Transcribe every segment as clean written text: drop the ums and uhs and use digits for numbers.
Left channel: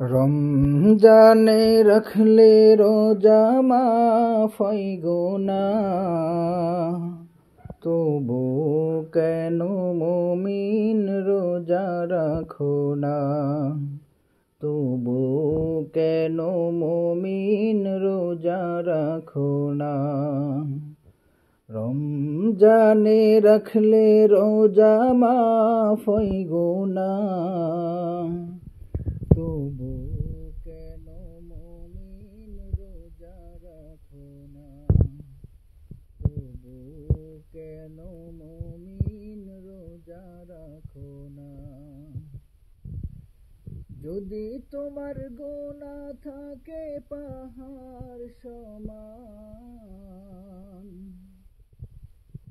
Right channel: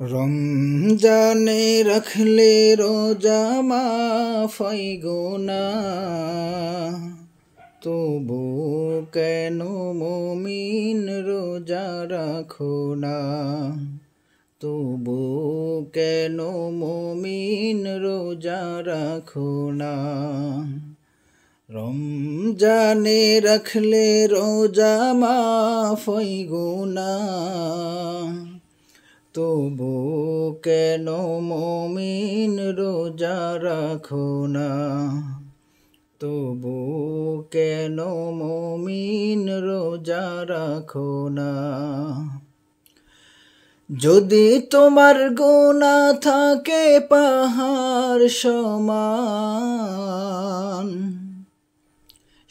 রমজানে রাখলে রোজা মাফ হয় গুনাহ, তবু কেন মুমিন রোজা রাখো না? তবু কেন মুমিন রোজা রাখো না? রমজানে রাখলে রোজা মাফ হয় গুনাহ, তবু কেন মুমিন রোজা রাখো না? তবু কেন মুমিন রোজা রাখো না? যদি তোমার গুনাহ থাকে পাহাড় সমান,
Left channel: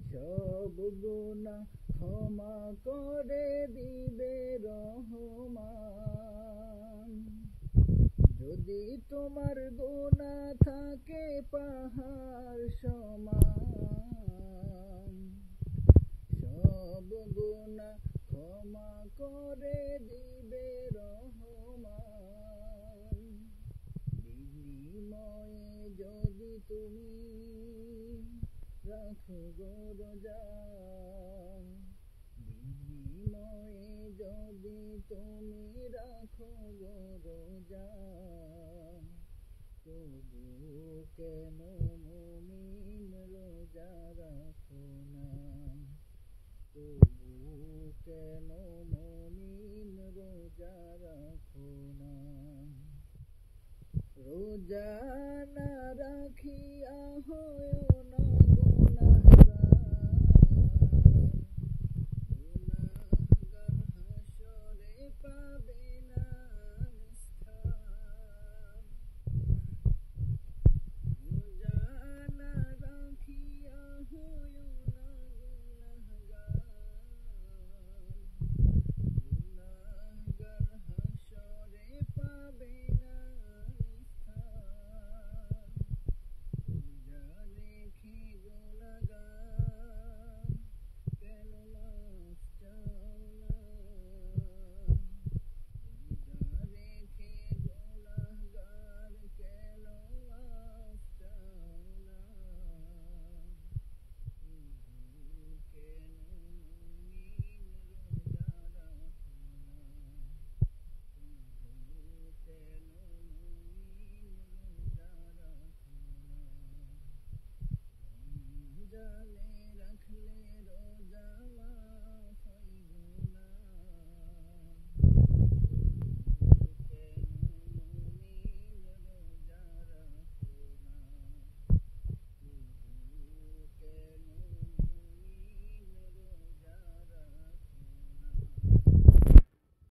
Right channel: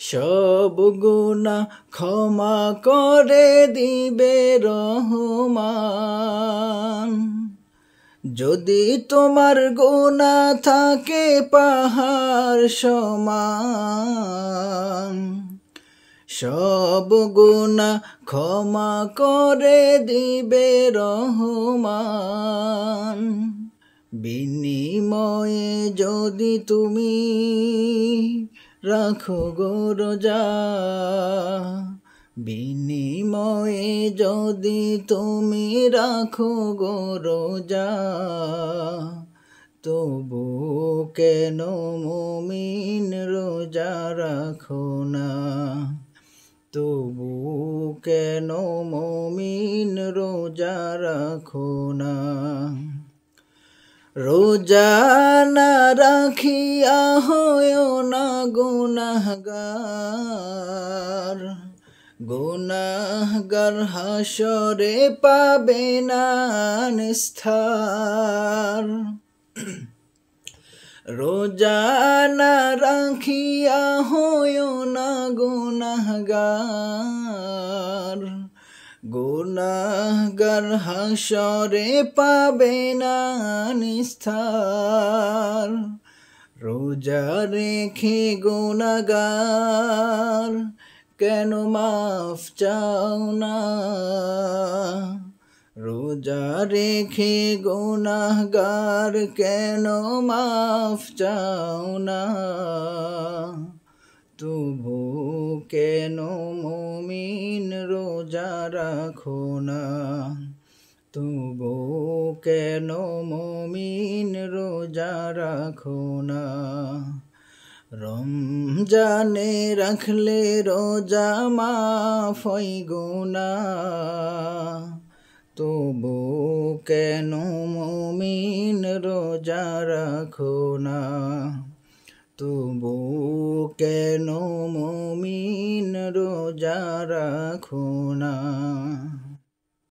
সব গুনাহ ক্ষমা করে দিবে রহমান। যদি তোমার গুনাহ থাকে পাহাড় সমান, সব গুনাহ ক্ষমা করে দিবে রহমান। বিনিময়ে যদি তুমি রাখো গো রোজা, বিনিময়ে যদি তুমি রাখো গো রোজা, তবু কেন মুমিন রোজা রাখো না? তবু কেন মুমিন রোজা রাখো না? রোজা না রাখিয়া হয়ো না গুনাহগার, গুনাহগার হাসরে পাবে না নিস্তার। রোজা না রাখিয়া হয়ো না গুনাহগার, গুনাহগার হাসরে পাবে না নিস্তার। রোজা রেখে গুনাহগার কেন মাফ চাও না? রোজা রেখে গুনাহগার কেন মাফ চাও না? তবু কেন মুমিন রোজা রাখো না? তবু কেন মুমিন রোজা রাখো না? রমজানে রাখলে রোজা মাফ হয় গুনাহ, তবু কেন মুমিন রোজা রাখো না? তবু কেন মুমিন রোজা রাখো না?